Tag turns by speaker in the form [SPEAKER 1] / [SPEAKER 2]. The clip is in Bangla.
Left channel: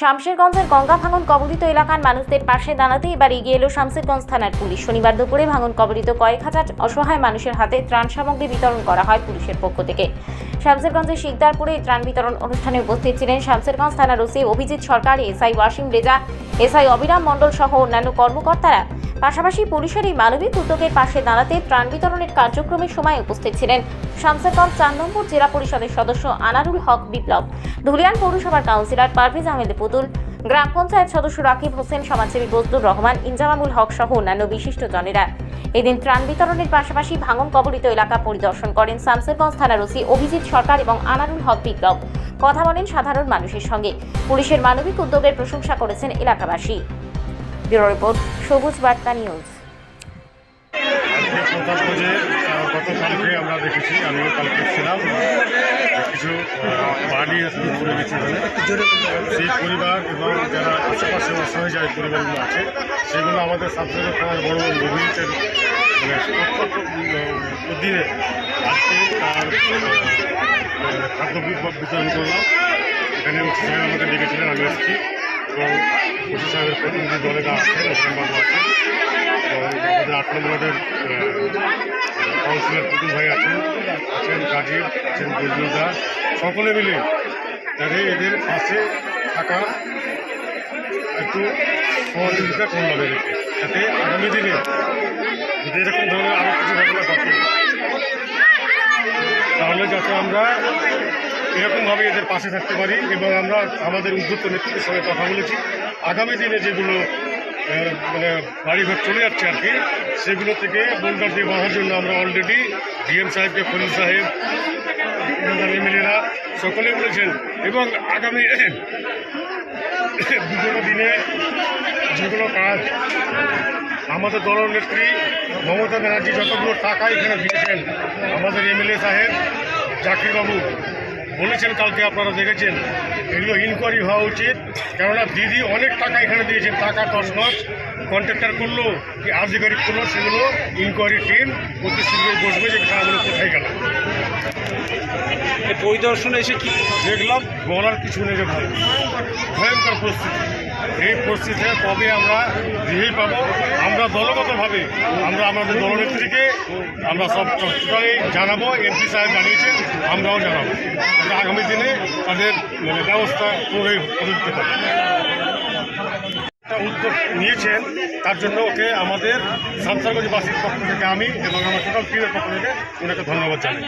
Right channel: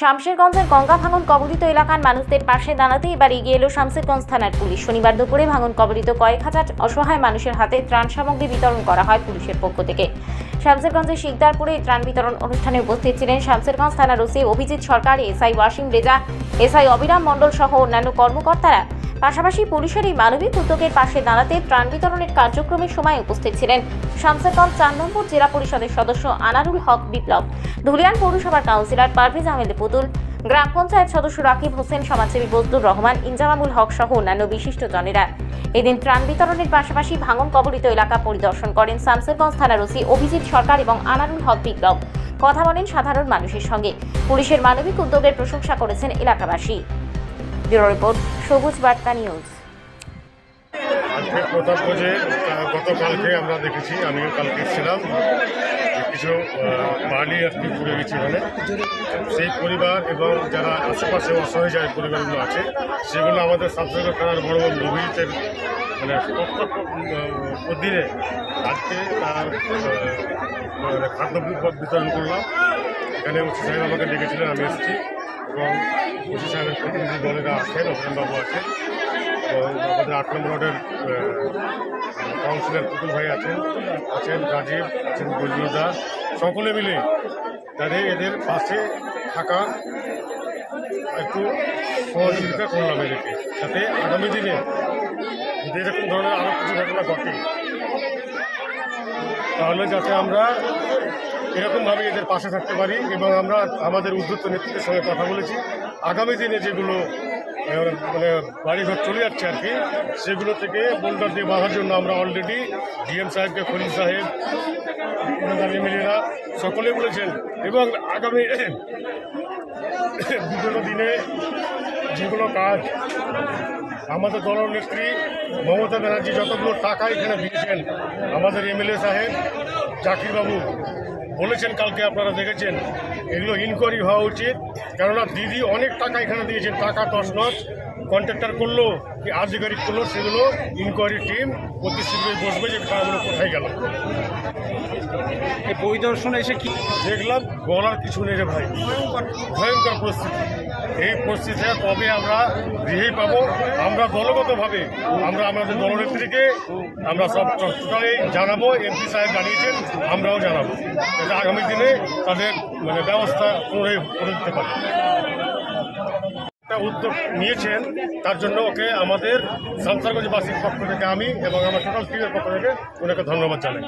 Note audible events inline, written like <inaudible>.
[SPEAKER 1] শামশেরগঞ্জের গঙ্গা ভাঙন কবলিত এলাকার মানুষদের পাশে দাঁড়াতে এবার এগিয়ে এলো শামশেরগঞ্জ থানার পুলিশ। শনিবার দুপুরে ভাঙন কবলিত কয়েক হাজার অসহায় মানুষের হাতে ত্রাণ সামগ্রী বিতরণ করা হয় পুলিশের পক্ষ থেকে। শামশেরগঞ্জের শিকদারপুরে এই ত্রাণ বিতরণ অনুষ্ঠানে উপস্থিত ছিলেন শামশেরগঞ্জ থানার OC Abhijit Sarkar, SI Wasim Reza, SI Abiram Mondal সহ অন্যান্য কর্মকর্তারা। পাশাপাশি পুলিশের এই মানবিক উদ্যোগের পাশে দাঁড়াতে ত্রাণ বিতরণের কার্যক্রমের সময় উপস্থিত ছিলেন শামসেরগঞ্জ চার নম্বর জেলা পরিষদের সদস্য আনারুল হক বিপ্লব, ধুলিয়ান পৌরসভার কাউন্সিলর পারভেজ আহমেদ পুতুল, গ্রাম পঞ্চায়েত সদস্য রাকিব হোসেন, সমাজসেবী বজলুর রহমান, ইনজামামুল হক সহ অন্যান্য বিশিষ্টজনেরা এদিন ত্রাণ বিতরণের পাশাপাশি ভাঙন কবলিত এলাকা পরিদর্শন করেন শামসেরগঞ্জ থানার ওসি অভিজিৎ সরকার এবং আনারুল হক বিপ্লব। কথা বলেন সাধারণ মানুষের সঙ্গে। পুলিশের মানবিক উদ্যোগের প্রশংসা করেছেন এলাকাবাসী। ব্যুরো রিপোর্ট, সবুজ বার্তা নিউজ।
[SPEAKER 2] প্রতাপগঞ্জে গতকালকে আমরা দেখেছি, আমিও কালকে ছিলাম কিছু বাড়ি আজকে ঘুরে গেছে ওখানে সেই পরিবার এবং যারা আশেপাশে অসহায় যায় পরিবারগুলো আছে, সেগুলো আমাদের সাবসেন্টার থানার বড় বড় অভিজিতের মানে অধীনে আজকে তার খাদ্য বিতরণ করলাম। এখানে স্যার আমাকে ডেকেছিলেন, আমি এসেছি। এবং সাহেবের প্রতিনিধি দলেরা আছেন অসীমবাবু আছেন আমাদের আট নম্বর ওয়ার্ডের কাউন্সিলর পুতুল ভাই আছেন আছেন গাজীর আছেন বজরুদা সকলে মিলে তাদের এদের পাশে থাকা একটু সহযোগিতা করলাম এদেরকে যাতে আগামী দিনে এরকম ধরনের আরও কিছু ঘটনা ঘটে তাহলে যাতে আমরা এরকমভাবে এদের পাশে থাকতে পারি এবং আমরা আমাদের উদ্যুক্ত নেতৃত্বের সঙ্গে কথা বলেছি। আগামী দিনে যেগুলো মানে বাড়িঘর চলে যাচ্ছে আর কি, সেগুলো থেকে বোল্ডার দিয়ে বাঁধার জন্য আমরা অলরেডি ডিএম সাহেবকে, খলিল সাহেব এমএলএরা সকলে বলেছেন। এবং আগামী <coughs> বিগত দিনে যেগুলো কাজ, আমাদের দলনেত্রী মমতা ব্যানার্জি যতগুলো টাকা এখানে দিয়েছেন, আমাদের এমএলএ সাহেব, জাকিরবাবু বলেছেন, কালকে আপনারা দেখেছেন এগুলো ইনকোয়ারি হওয়া উচিত। কেননা দিদি অনেক টাকা এখানে দিয়েছেন টাকা মাস কন্ট্রাক্টার করল কি আধিকারিক করল সেগুলো ইনকোয়ারি টিম অতি শীঘ্রই বসবে যে টাকাগুলো কোথায় গেল।
[SPEAKER 3] এই পরিদর্শন এসে কি
[SPEAKER 2] দেখলাম বলার কিছু নেই যে ভাই ভয়ঙ্কর পরিস্থিতি। এই পরিস্থিতিতে কবে আমরা রিভিউ পাবো? আমরা দলগতভাবে আমরা আমাদের দলনেত্রীকে আমরা সব টোটালি জানাব, এমপি সাহেব জানিয়েছেন, আমরাও জানাব। যাতে আগামী দিনে তাদের মানে ব্যবস্থা করে করে দিতে পারে। একটা উদ্যোগ নিয়েছেন, তার জন্য ওকে আমাদের সামসারগঞ্জবাসীর পক্ষ থেকে আমি এবং আমার টোটাল টিমের পক্ষ থেকে ওনাকে ধন্যবাদ জানাই।